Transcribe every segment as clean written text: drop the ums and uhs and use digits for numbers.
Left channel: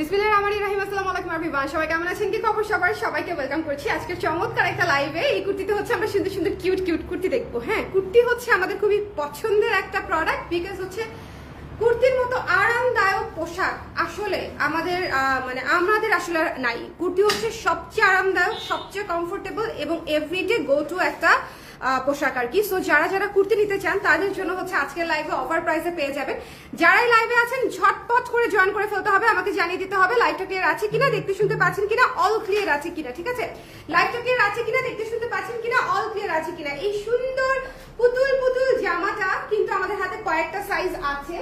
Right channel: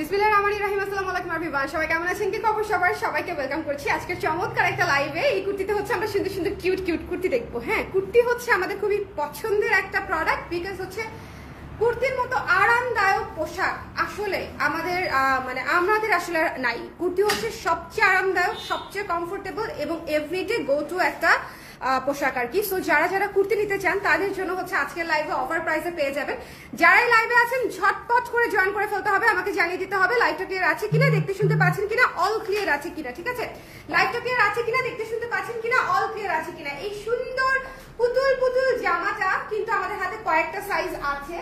বিসমিল্লাহিররহমানিররহিম। আসসালামু আলাইকুম এভরিওয়ান, সবাই কেমন আছেন? কি খবর সবার? সবাইকে ওয়েলকাম করছি আজকে চমৎকার একটা লাইভে। এই কুর্তিতে হচ্ছে আমরা সুন্দর সুন্দর কিউট কিউট কুর্তি দেখবো। হ্যাঁ, কুর্তি হচ্ছে আমাদের খুবই পছন্দের একটা প্রোডাক্ট, বিকজ হচ্ছে কুর্তির মতো আরামদায়ক পোশাক আসলে আমাদের আসলে নাই। কুর্তি হচ্ছে সবচেয়ে আরামদায়ক, সবচেয়ে কমফোর্টেবল এবং এভরিডে গো টু একটা পোশাক আর কি। সো যারা যারা কুর্তি নিতে চান তাদের জন্য হচ্ছে আজকের লাইভে অফার প্রাইসে পেয়ে যাবেন। যারাই লাইভে আছেন ঝটপট করে জয়েন করে ফেলতে হবে, আমাকে জানিয়ে দিতে হবে লাইভটা ক্লিয়ার আছে কিনা, দেখতে শুনতে পাচ্ছেন কিনা, অল ক্লিয়ার আছে কিনা। ঠিক আছে, লাইভটা ক্লিয়ার আছে কিনা, দেখতে শুনতে পাচ্ছেন কিনা, অল ক্লিয়ার আছে কিনা। এই সুন্দর পুতুল পুতুল জামাটা কিন্তু আমাদের হাতে কয়েকটা সাইজ আছে।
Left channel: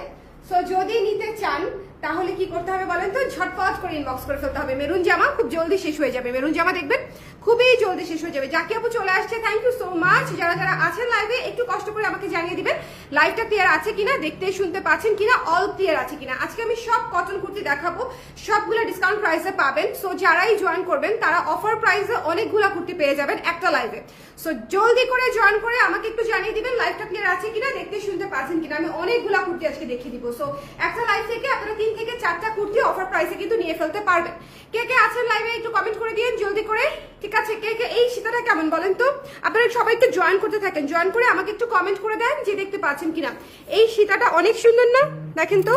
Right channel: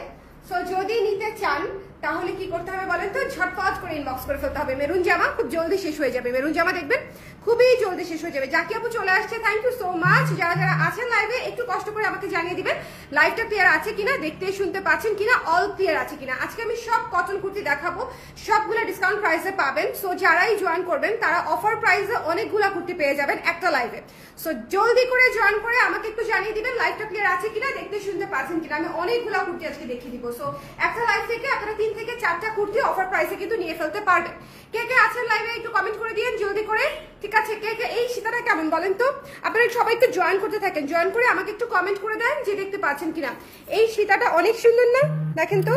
সো যদি নিতে চান তাহলে কি করতে হবে বলেন তো, ঝটপট করে ইনবক্স করে ফেলতে হবে। মেরুন জামা খুব জলদি শেষ হয়ে যাবে, মেরুন জামা দেখবেন খুবই জলদি শেষ হয়ে যাবে। জাকি আপু চলে আসছে, থ্যাংক ইউ সো মাচ। যারা যারা আছেন লাইভে একটু কষ্ট করে আমাকে জানিয়ে দিবেন লাইভটা ক্লিয়ার আছে কিনা, দেখতে শুনতে পাচ্ছেন কিনা, অল ক্লিয়ার আছে কিনা। আজকে আমি সব কটন কুর্তি দেখাবো, সবগুলো ডিসকাউন্ট প্রাইসে পাবেন। সো যারাই জয়েন করবেন তারা অফার প্রাইসে অনেকগুলো কুর্তি পেয়ে যাবেন একটা লাইভে। সো জলদি করে জয়েন করে আমাকে একটু জানিয়ে দিবেন লাইভটা ক্লিয়ার আছে কিনা, দেখতে শুনতে পাচ্ছেন কিনা। আমি অনেকগুলা কুর্তি আজকে দেখিয়ে দিব। সো একটা লাইভ থেকে আপনারা 3 থেকে 4টা কুর্তি অফার প্রাইসে কিন্তু নিয়ে ফেলতে পারবেন। কে কে আছেন লাইভে একটু কমেন্ট করে দিয়েন জলদি করে। ঠিক আছে, কে কে এই সীতাটা কেমন বলেন তো? আপনারা সবাইকে জয়েন করতে থাকেন, জয়েন করে আমাকে একটু কমেন্ট করে দেন যে দেখতে পাচ্ছেন কিনা। এই সীতাটা অনেক সুন্দর না? দেখেন তো,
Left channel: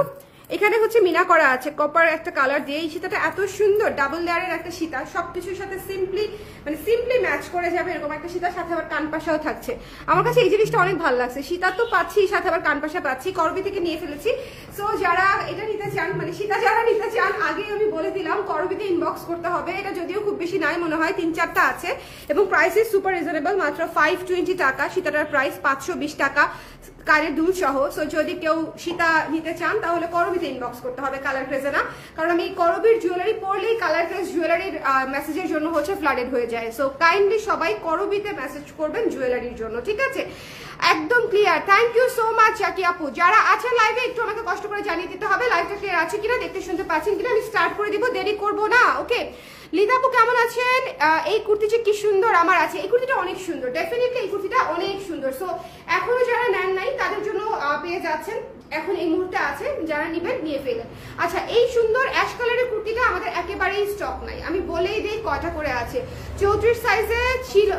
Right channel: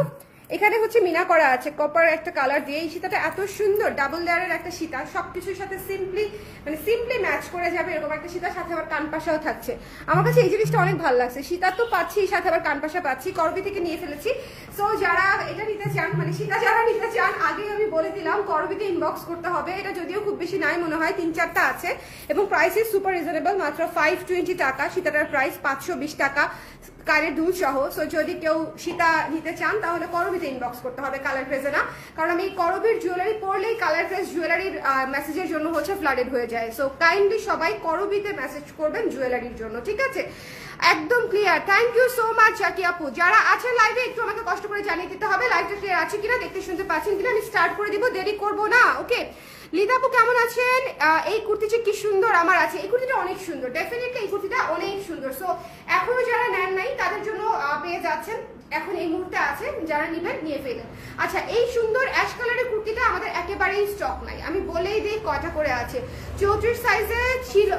এখানে হচ্ছে মিনা করা আছে কপার একটা কালার দিয়ে। এই সীতাটা এত সুন্দর, ডাবল লেয়ারের একটা সীতা, সবকিছুর সাথে সিম্পলি ম্যাচ করে যাবে এরকম একটা সীতার সাথে আবার কানপাশাও থাকছে। আমার কাছে এই জিনিসটা অনেক ভালো লাগছে। সীতা তো পাচ্ছি, সাথে আবার কানপাশা পাচ্ছি, করবি থেকে নিয়ে ফেলেছি। সো যারা এটা নিতে চান, সীতা যারা নিতে চান, আগে আমি বলে দিলাম করবিতে ইনবক্স করতে হবে। এটা যদিও খুব বেশি নাই, মনে হয় 3-4টা আছে এবং প্রাইস ইজ সুপার রিজনেবল, মাত্র 520 টাকা। সীতাটার প্রাইস 520 টাকা কানের দুল সহ। সো যদি কেউ সীতা নিতে চান তাহলে করবিতে ইনবক্স করতে হবে, কালার ক্রেজে না। কারণ আমি করবির জুয়েলারি পরলেই কালার ক্রেজ জুয়েলারির মেসেজের জন্য হচ্ছে ফ্লাডেড হয়ে যায়। সো কাইন্ডলি সবাই করবিতে মেসেজ করবেন জুয়েলারির জন্য। ঠিক আছে, একদম clear. Thank you so much Zaki আপু। যারা আছে লাইভে একটু আমাকে কষ্ট করে জানিয়ে দিতে হবে লাইভটা ক্লিয়ার আছে কিনা, দেখতে শুনতে পাচ্ছেন কিনা। আমি স্টার্ট করে দিব, দেরি করবো না। ওকে, লিদা আপু কেমন আছেন? এই কুর্তিটা কি সুন্দর আমার আছে। এই কুর্তিটা অনেক সুন্দর, ডেফিনেটলি এই কুর্তিটা অনেক সুন্দর। সো এখনো যারা নেন নাই তাদের জন্য পেয়ে যাচ্ছেন, এখন এই মুহূর্তে আছে, যারা নিবেন নিয়ে ফেলেন। আচ্ছা, এই সুন্দর অ্যাশ কালারের কুর্তিটা আমাদের একেবারেই স্টক নাই, আমি বলেই দিই কয়টা করে আছে। 34 সাইজে ছিল,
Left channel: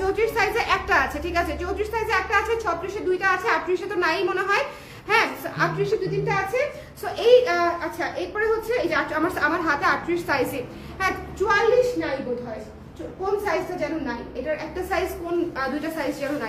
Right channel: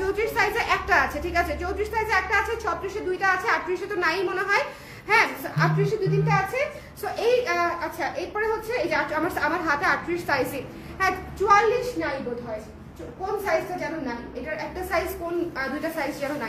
34 সাইজে একটা আছে। ঠিক আছে, 34 সাইজে একটা আছে, 36-এ 2টা আছে, 38-এ তো নাই মনে হয়। হ্যাঁ, 38-এ 2-3টা আছে। সো এই আচ্ছা, এরপরে হচ্ছে এই যে আমার হাতে 38 সাইজে, হ্যাঁ 44 নাই বোধ হয়, কোন সাইজটা যেন নাই, এটার একটা সাইজ কোন 2টা সাইজ যেন নাই।